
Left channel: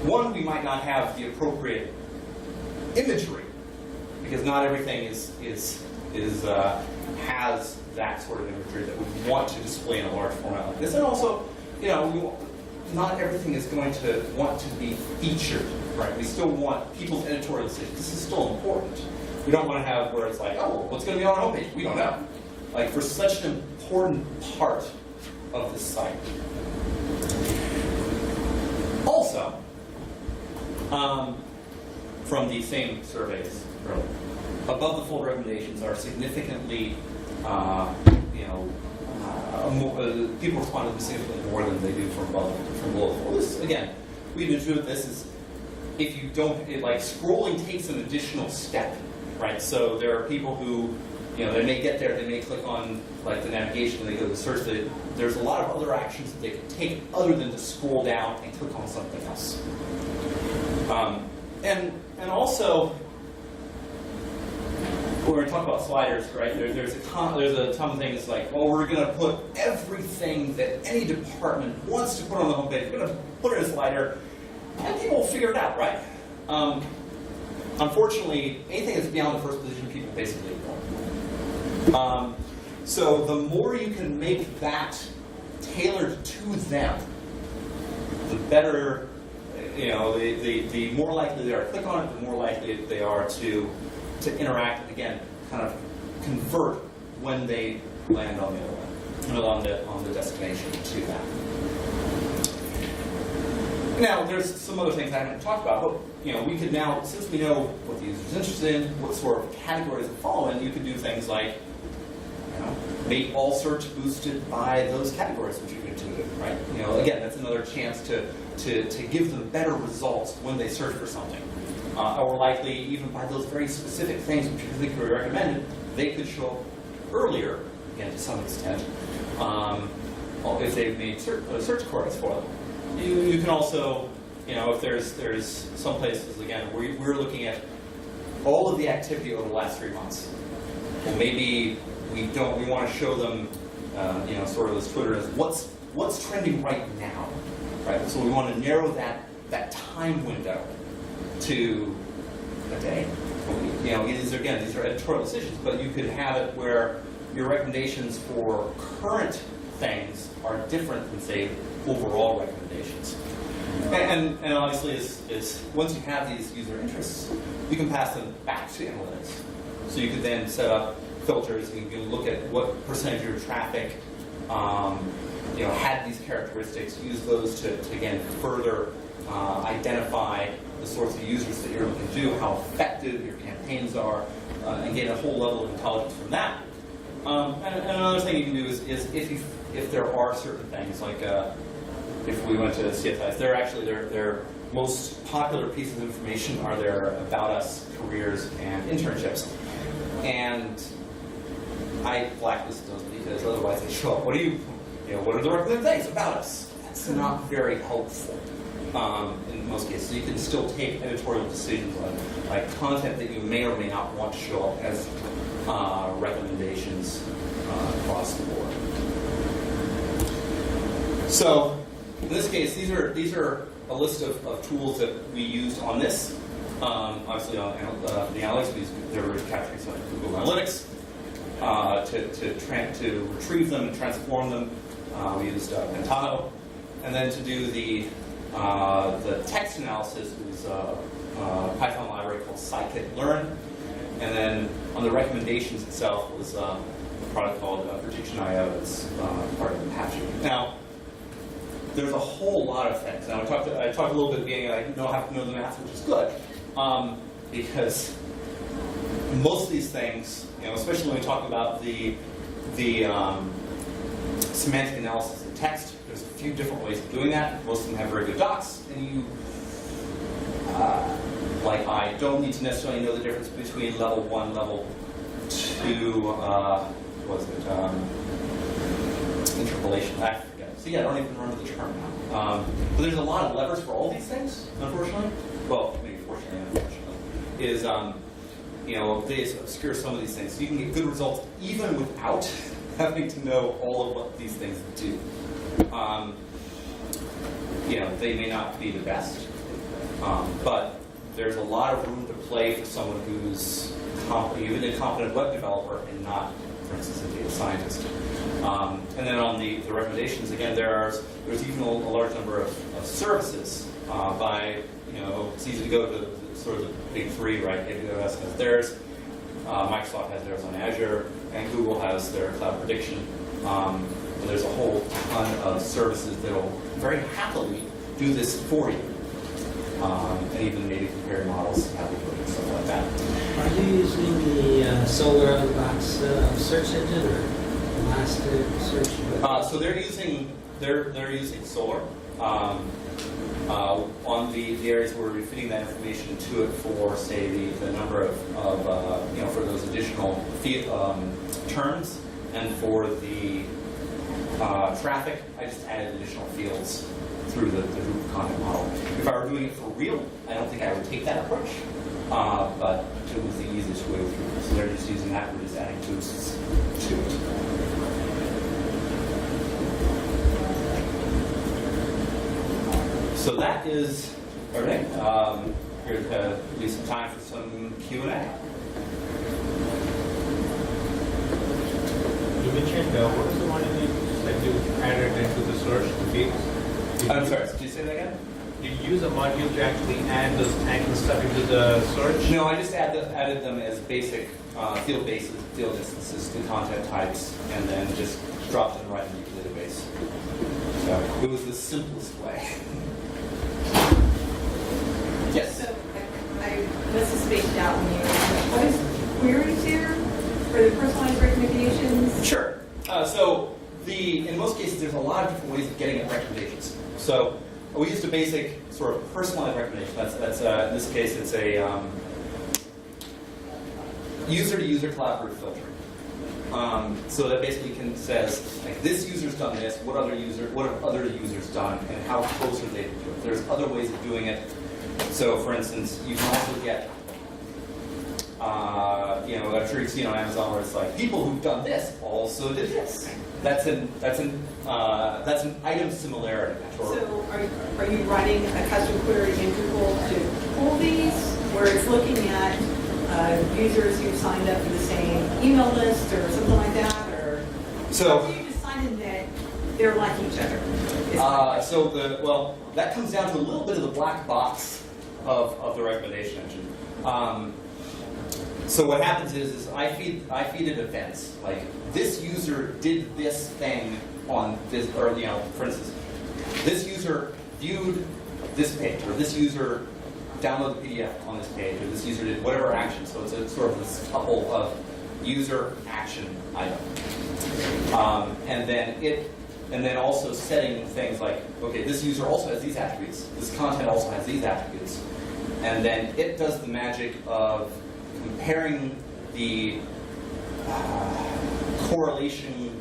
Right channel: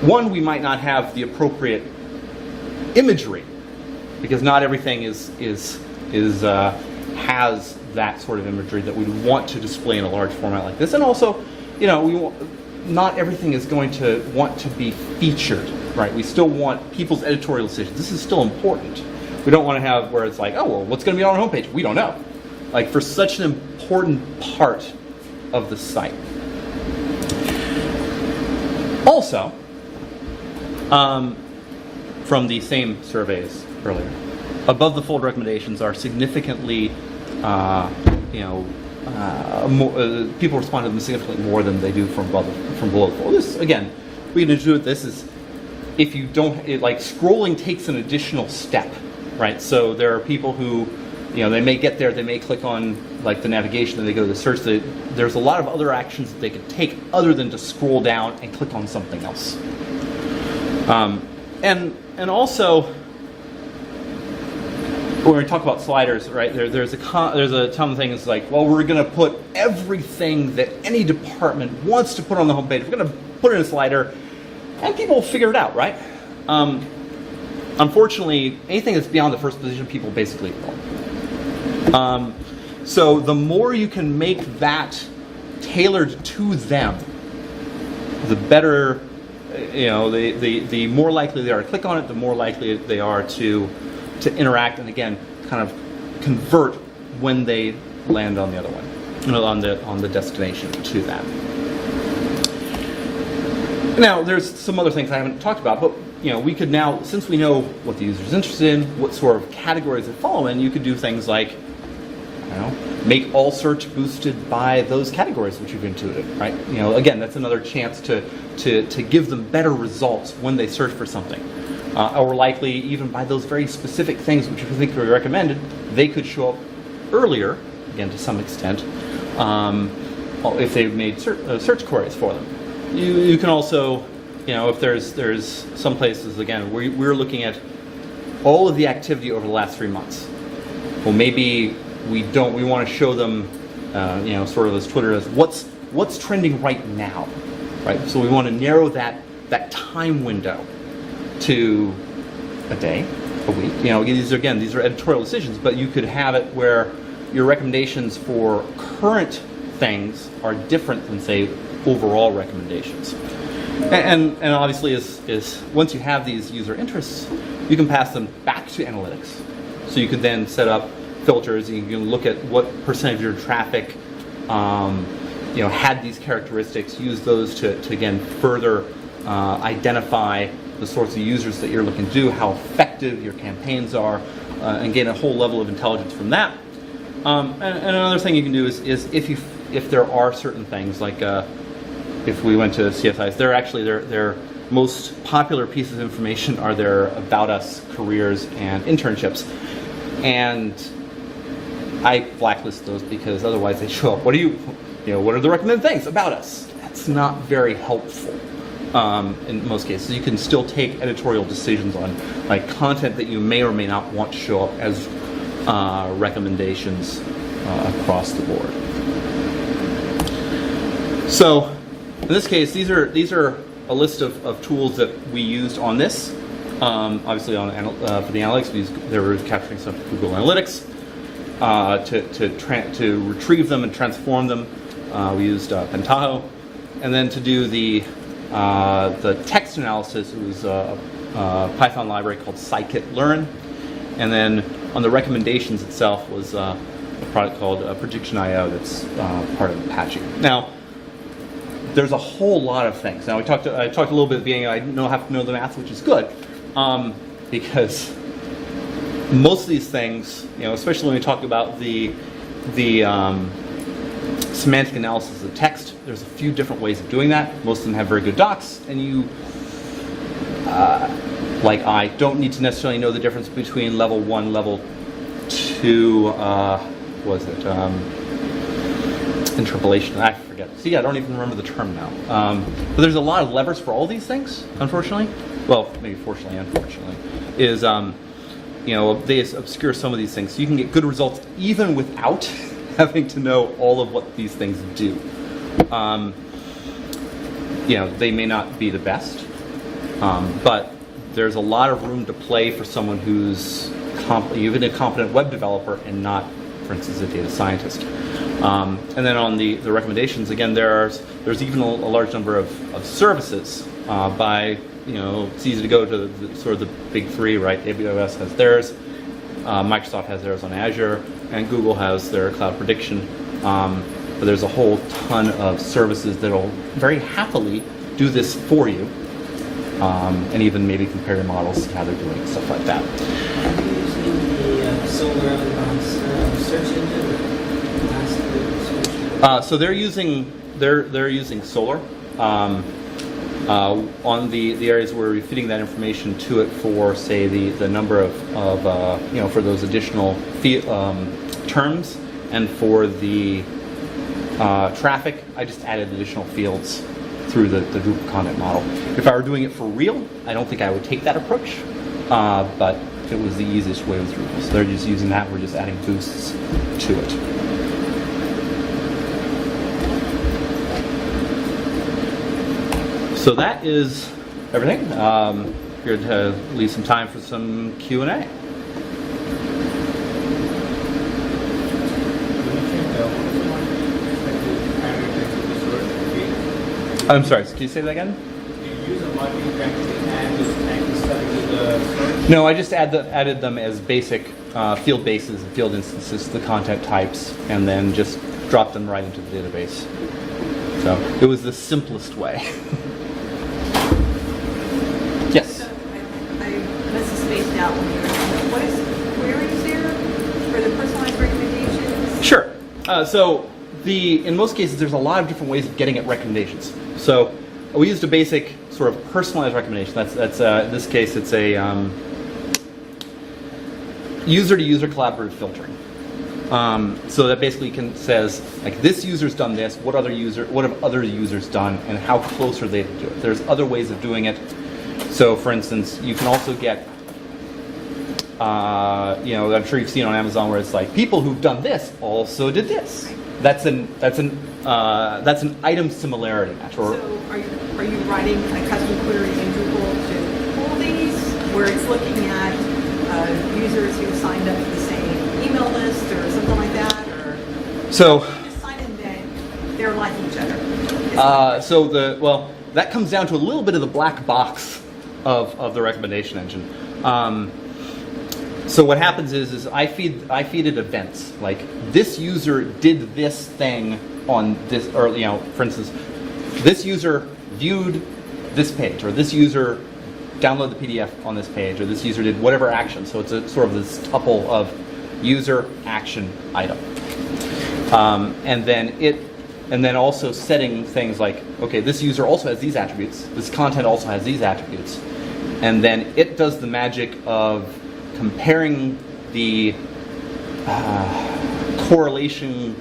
one, we might not have the appropriate imagery, because not everything is has that sort of imagery that we want to display in a large format like this. And also, not everything is going to want to be featured, right? We still want people's editorial decisions. This is still important. We don't want to have where it's like, oh, well, what's going to be on our homepage? We don't know. Like, for such an important part of the site. Also, from the same surveys earlier, above the fold recommendations are significantly, people respond to them significantly more than they do from below the fold. This, again, we can do with this is if you don't, scrolling takes an additional step, right? So there are people who, they may get there, they may click on the navigation and they go to the search. There's a lot of other actions that they could take other than to scroll down and click on something else. And also, when we talk about sliders, right? There's a ton of things like, well, we're going to put everything that any department wants to put on the homepage. We're going to put it in a slider, and people will figure it out, right? Unfortunately, anything that's beyond the first position, people basically ignore. So the more you can make that tailored to them, the better. The more likely they are to click on it, the more likely they are to interact, and again, kind of convert when they land on the other one, on the destination to that. Now, there's some other things I haven't talked about, but we could now, since we know what the user is interested in, what sort of categories they follow in, you could do things like, make all search boosted by those categories which you've intuited, right? Again, that's another chance to give them better results when they search for something. Or likely, even by those very specific things which you think are recommended, they could show up earlier, again, to some extent, if they've made search queries for them. You can also, if there's some places, again, we're looking at all of the activity over the last 3 months. Well, maybe we want to show them, sort of as Twitter is, what's trending right now, right? So we want to narrow that time window to a day, a week. These are editorial decisions, but you could have it where your recommendations for current things are different than, say, overall recommendations. And obviously, is once you have these user interests, you can pass them back to analytics. So you could then set up filters, and you can look at what percentage of your traffic had these characteristics, use those to again further identify the sorts of users that you're looking to do, how effective your campaigns are, and gain a whole level of intelligence from that. And another thing you can do is if there are certain things, like if we went to CSIs, their most popular pieces of information are their About Us, careers, and internships. And I blacklist those because otherwise they show up. What are the recommended things about us? That's not very helpful in most cases. You can still take editorial decisions on content that you may or may not want to show up as recommendations across the board. So in this case, these are a list of tools that we used on this. Obviously, for the analytics, they were capturing stuff with Google Analytics. To retrieve them and transform them, we used Pentaho, and then to do the text analysis, it was a Python library called scikit-learn, and then on the recommendations itself was a product called Prediction.io that's part of Apache. Now, there's a whole lot of things. Now, I talked a little bit at the beginning. I have to know the math, which is good, because most of these things, especially when we talk about the semantic analysis of text, there's a few different ways of doing that. Most of them have very good docs, and you, like I, don't need to necessarily know the difference between level 1, level 2, interpolation, I forget. See, I don't even remember the term now. But there's a lot of levers for all these things, unfortunately. Well, maybe fortunately, unfortunately, is they obscure some of these things. So you can get good results even without having to know all of what these things do. They may not be the best, but there's a lot of room to play for someone who's even a competent web developer and not for instance, a data scientist. And then on the recommendations, again, there's even a large number of services by, it's easy to go to the sort of the big three, right? AWS has theirs, Microsoft has theirs on Azure, and Google has their cloud prediction. But there's a whole ton of services that will very happily do this for you, and even maybe compare your models, see how they're doing, stuff like that. Are you using the Solar Box search engine or Elasticsearch? So they're using Solar on the areas where we're feeding that information to it for, say, the number of for those additional terms, and for the traffic, I just added additional fields through the Google content model. If I were doing it for real, I don't think I would take that approach, but it was the easiest way through. So they're just using that, we're just adding boosts to it. So that is everything. Here to leave some time for some Q&A. Let me check what is the margin that you added into the search feed? I'm sorry, can you say that again? Do you use a module to actually add those tags and stuff into the search? No, I just added them as basic field bases, field instances, the content types, and then just dropped them right into the database. So it was the simplest way. Yes? So I must have spaced out when you were, what is queries here for the personalized recommendations? Sure. In most cases, there's a lot of different ways of getting at recommendations. So we used a basic sort of personalized recommendation. That's in this case, it's a user-to-user collaborative filtering. So that basically says, like, this user's done this, what have other users done, and how close are they to do it? There's other ways of doing it. So, for instance, you can also get, I'm sure you've seen on Amazon where it's like, people who've done this also did this. That's an item similarity match. So are you writing a custom query in Drupal to pull these, where it's looking at users who signed up for the same email list or something like that, or So you decided that they're like each other? That comes down to a little bit of the black box of the recommendation engine. So what happens is I feed it events, like this user did this thing on this, or for instance, this user viewed this page, or this user downloaded the PDF on this page, or this user did whatever action. So it's a sort of this tuple of user action item, and then also setting things like, okay, this user also has these attributes, this content also has these attributes, and then it does the magic of comparing the correlation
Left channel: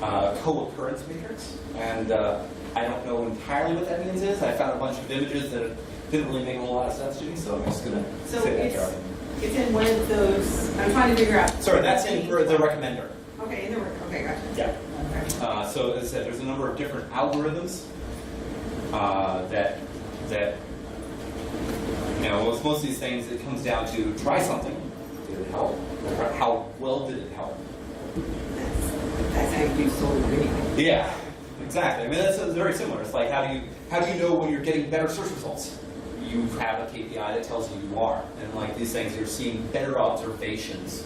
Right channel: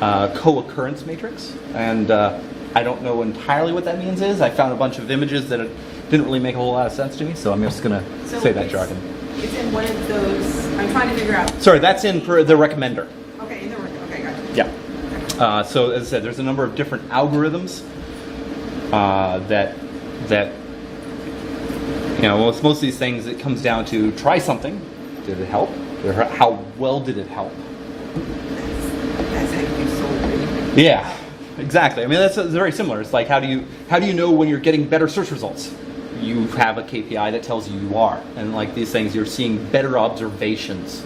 co-occurrence matrix, and I don't know entirely what that means. I found a bunch of images that didn't really make a whole lot of sense to me, so I'm just going to say that jargon. It's in one of those, I'm trying to figure out. Sorry, that's in for the recommender. Okay, okay, gotcha. Yeah. Okay. So as I said, there's a number of different algorithms that most of these things, it comes down to try something. Did it help? Or how well did it help? That's how you do solar reading. Yeah, exactly. I mean, that's very similar. It's like, how do you know when you're getting better search results? You have a KPI that tells you are, and like these things, you're seeing better observations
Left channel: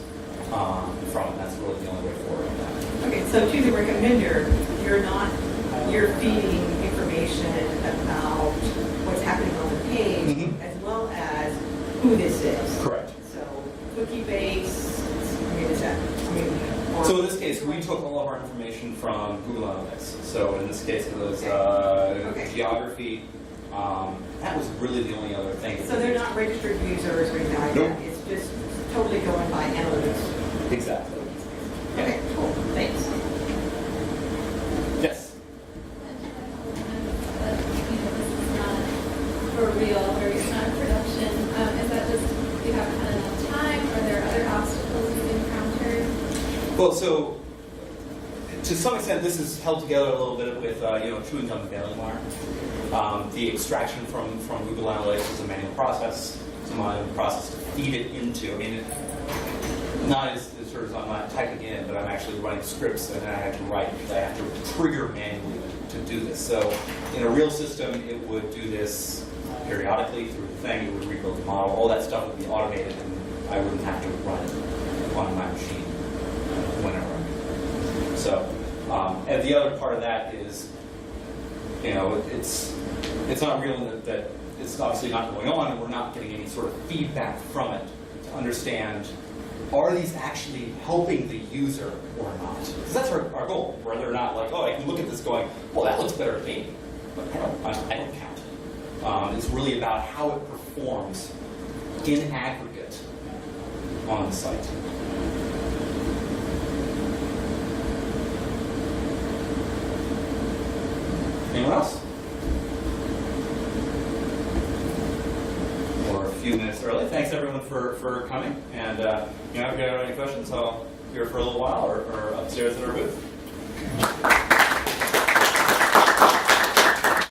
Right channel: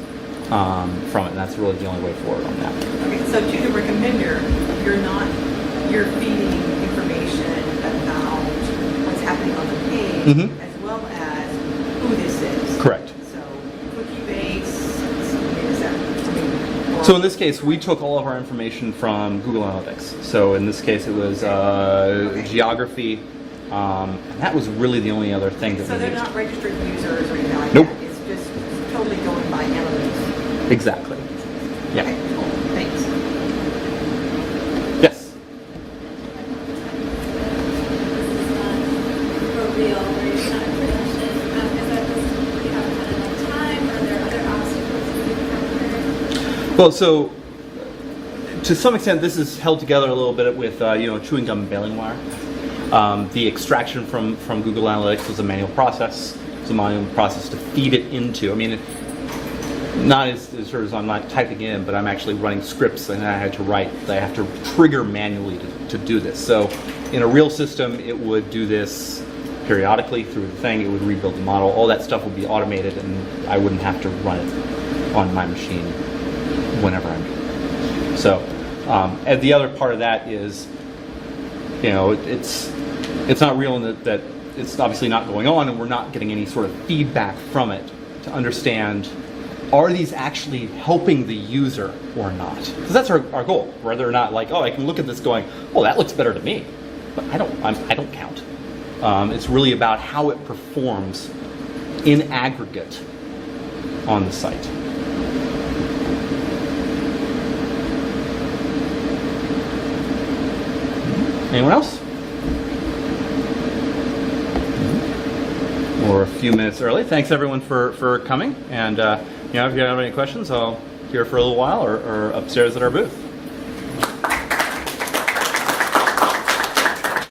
from it. And that's really the only way forward on that. Okay, so to the recommender, you're feeding information about what's happening on the page, as well as who this is. Correct. So cookie base. So in this case, we took all of our information from Google Analytics. So in this case, it was geography. That was really the only other thing that so we they're used. not registered users or anything like Nope. that. It's just totally going by analytics. Exactly. Yeah. Okay, cool. Thanks. Yes. For real, where you're not in production, is that just you have kind of enough time, or are there other obstacles you encountered? Well, so to some extent, this is held together a little bit with chewing gum and baling wire. The extraction from Google Analytics was a manual process. It's a manual process to feed it into. I mean, not as sort of I'm not typing in, but I'm actually running scripts, and I have to trigger manually to do this. So in a real system, it would do this periodically through the thing. It would rebuild the model. All that stuff would be automated, and I wouldn't have to run it on my machine whenever I need. So, and the other part of that is, it's not real in that it's obviously not going on, and we're not getting any sort of feedback from it to understand, are these actually helping the user or not? Because that's our goal. Whether or not, like, oh, I can look at this going, well, that looks better to me, but I don't count. It's really about how it performs in aggregate on the site. Anyone else? We're a few minutes early. Thanks everyone for coming. And if you have any questions, I'll be here for a little while or upstairs at our booth.